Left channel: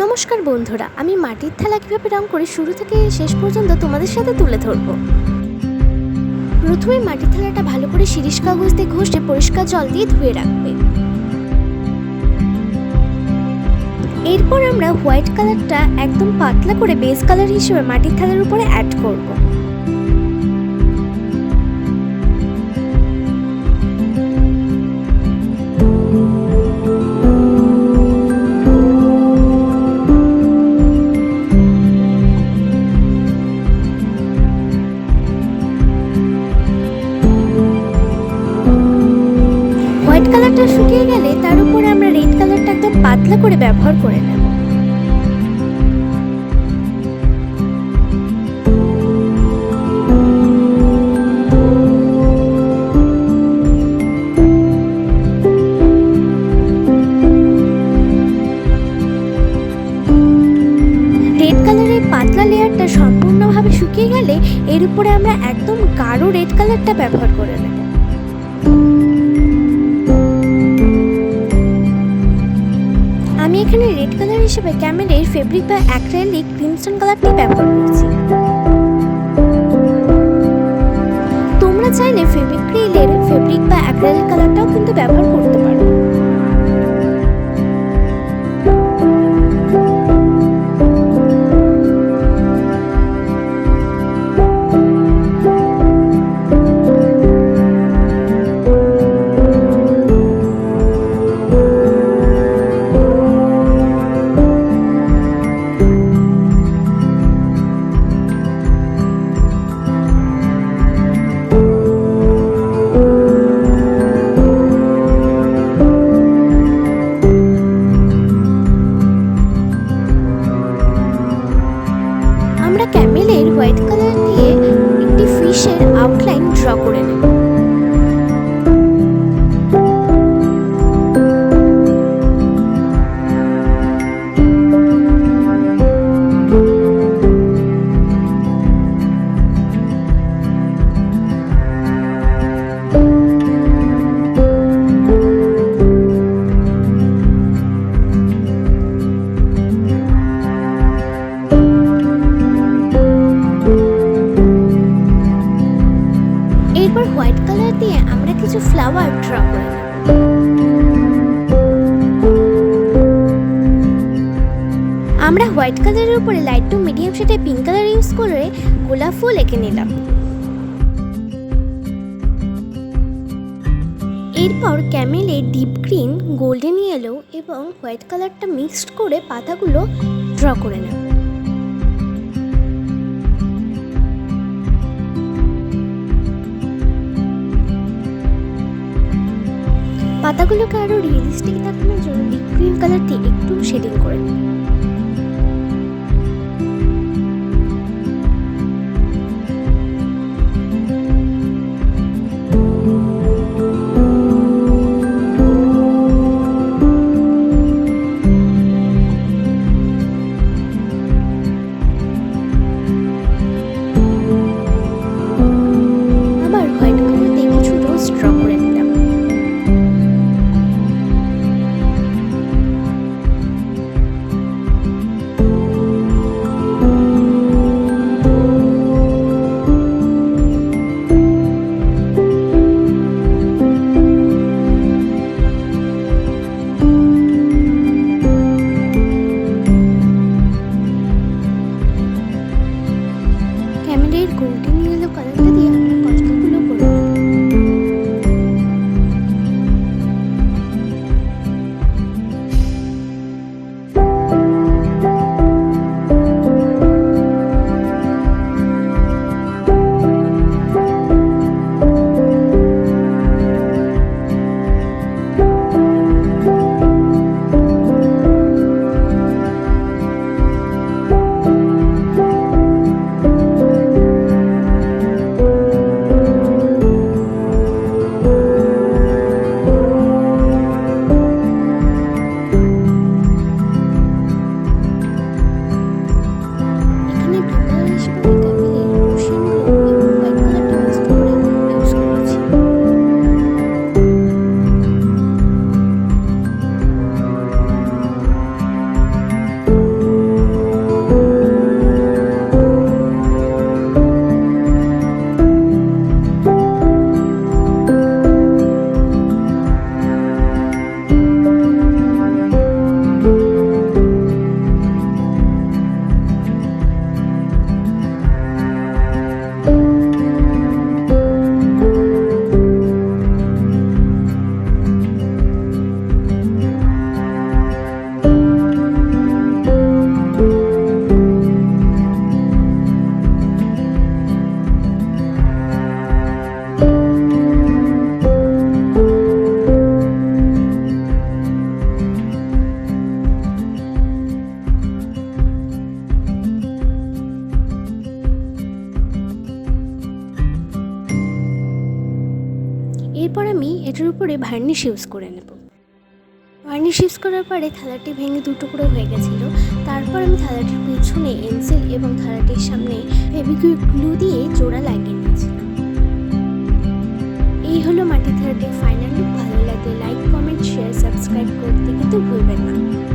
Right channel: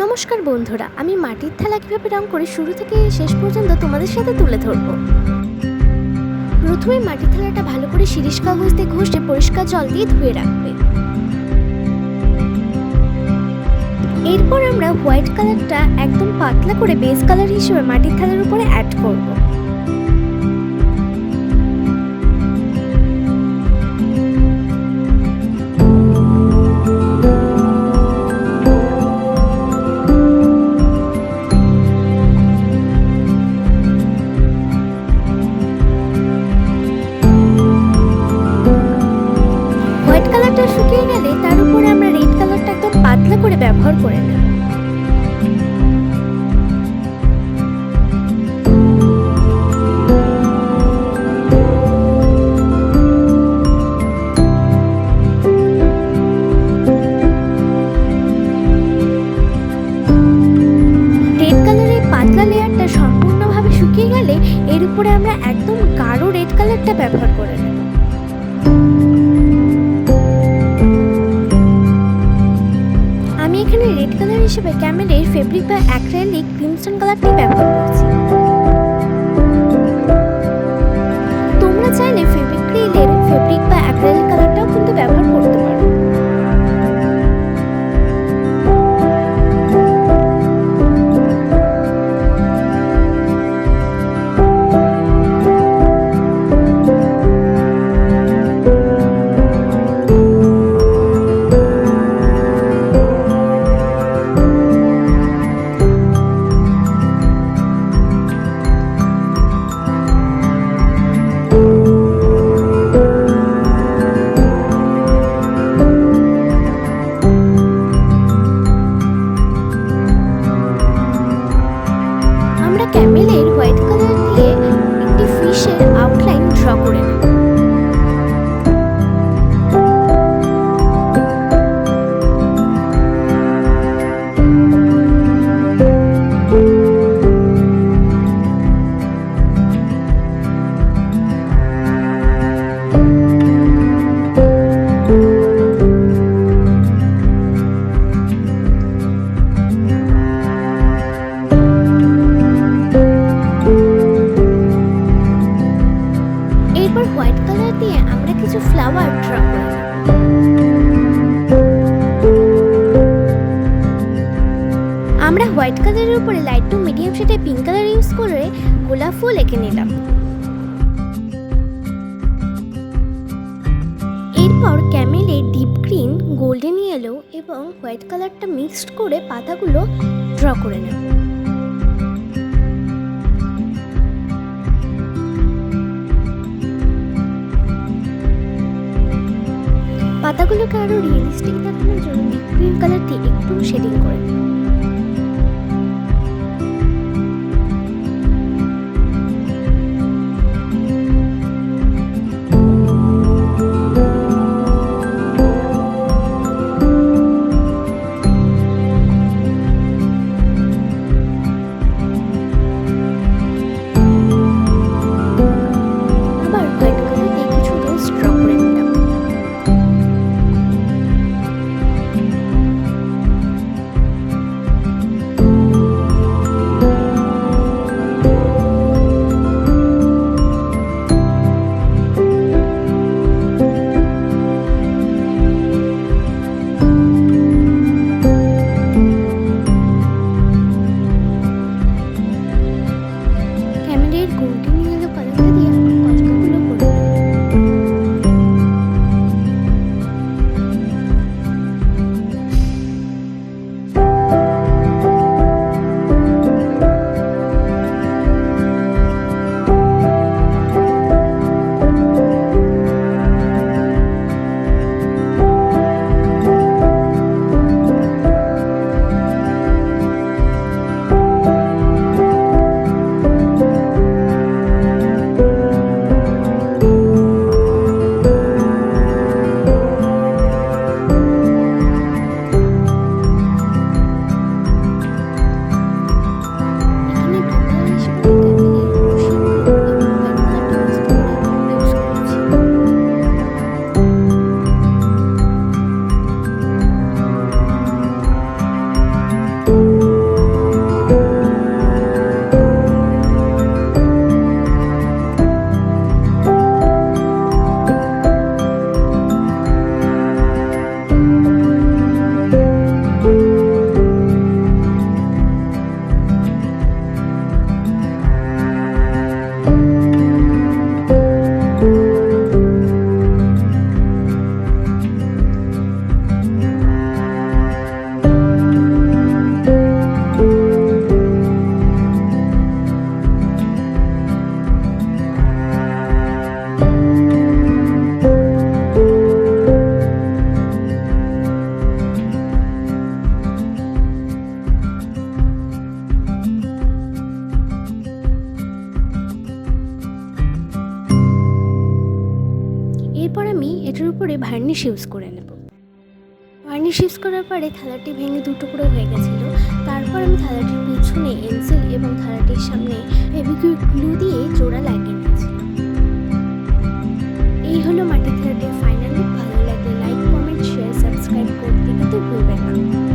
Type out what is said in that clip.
নমস্কার বন্ধুরা, আমি মাটির থালা কীভাবে রং করে শুরু থেকে শেষ পর্যন্ত তোমাদের সাথে তুলে ধরব। প্রথমে মাটির থালাটা ভালো করে শিরিষ কাগজ দিয়ে ঘষে পরিষ্কার জল দিয়ে ধুয়ে রাখবে। এরপর আমরা হোয়াইট কালারটা একদম পাতলা করে বেস কালার হিসেবে মাটির থালার উপরে অ্যাড করব। হোয়াইট কালারটা শুকিয়ে গেলে তার উপরে আমরা রেড কালারটা একদম পাতলা করে ব্যবহার করে নেব। রেড কালারের পাতলা লেয়ারটা সম্পূর্ণভাবে শুকিয়ে গেলে এর উপরে আমরা একদম গাঢ় রেড কালারটা ব্যবহার করে নেব। আমি এখানে রেড কালার হিসেবে ক্যামেলের ফেব্রিক বা অ্যাক্রিলিক ক্রিমসন কালারটি ব্যবহার করছি। তোমরা চাইলে ফেব্রিক্রিলের ফেব্রিক বা অ্যাক্রিলিক কালারটাও কিন্তু ব্যবহার করতে পারো। আমরা ক্যামেলের হোয়াইট কালার দিয়ে একটি ফিশের আউটলাইন ড্র করে নেব। এরপর হোয়াইট কালার দিয়ে আমরা কিছু ফ্লাওয়ার ড্র করে নেব। আমরা হোয়াইট কালারের উপরে লাইট টু মিডিয়াম শেডে পিঙ্ক কালার ইউজ করে গোলাপ ফুল এঁকে নিলাম। এরপর ক্যামেলে ডিপ গ্রিন, গোল্ডেন ইয়েলো এবং হোয়াইট কালারটা মিক্সড করে পাতাগুলো ড্র করে নেব। পাতাগুলোকে আরো রিয়েলিস্টিক দেখানোর জন্য ডিপ গ্রিন কালার দিয়ে একটু শেডিং করে নেব। আবার হোয়াইট কালার দিয়ে কিছু রোজ ড্র করে নিলাম। ক্যামেলের গোল্ডেন ইয়েলো কালারটা দিয়ে আমরা কচকাগুলো করে নেব। এরপর আমি এটার উপরে ভার্নিশ ইউজ করে নেব। ভার্নিশ ইউজ করার পরে থালাটি ভেঙে দুটুকরো হয়ে গেছিলো। তারপর আমি থালাটির পিছনে এনসিল এবং থালাটির সামনে ফেভিকুইক গ্লু দিয়ে জোড়া লাগিয়ে নিয়েছিলাম। এই হলো মাটির থালাটির ফাইনাল লুক। ভালো লাগলে লাইক, কমেন্ট, শেয়ার, সাবস্ক্রাইব করতে কিন্তু ভুলবেন না।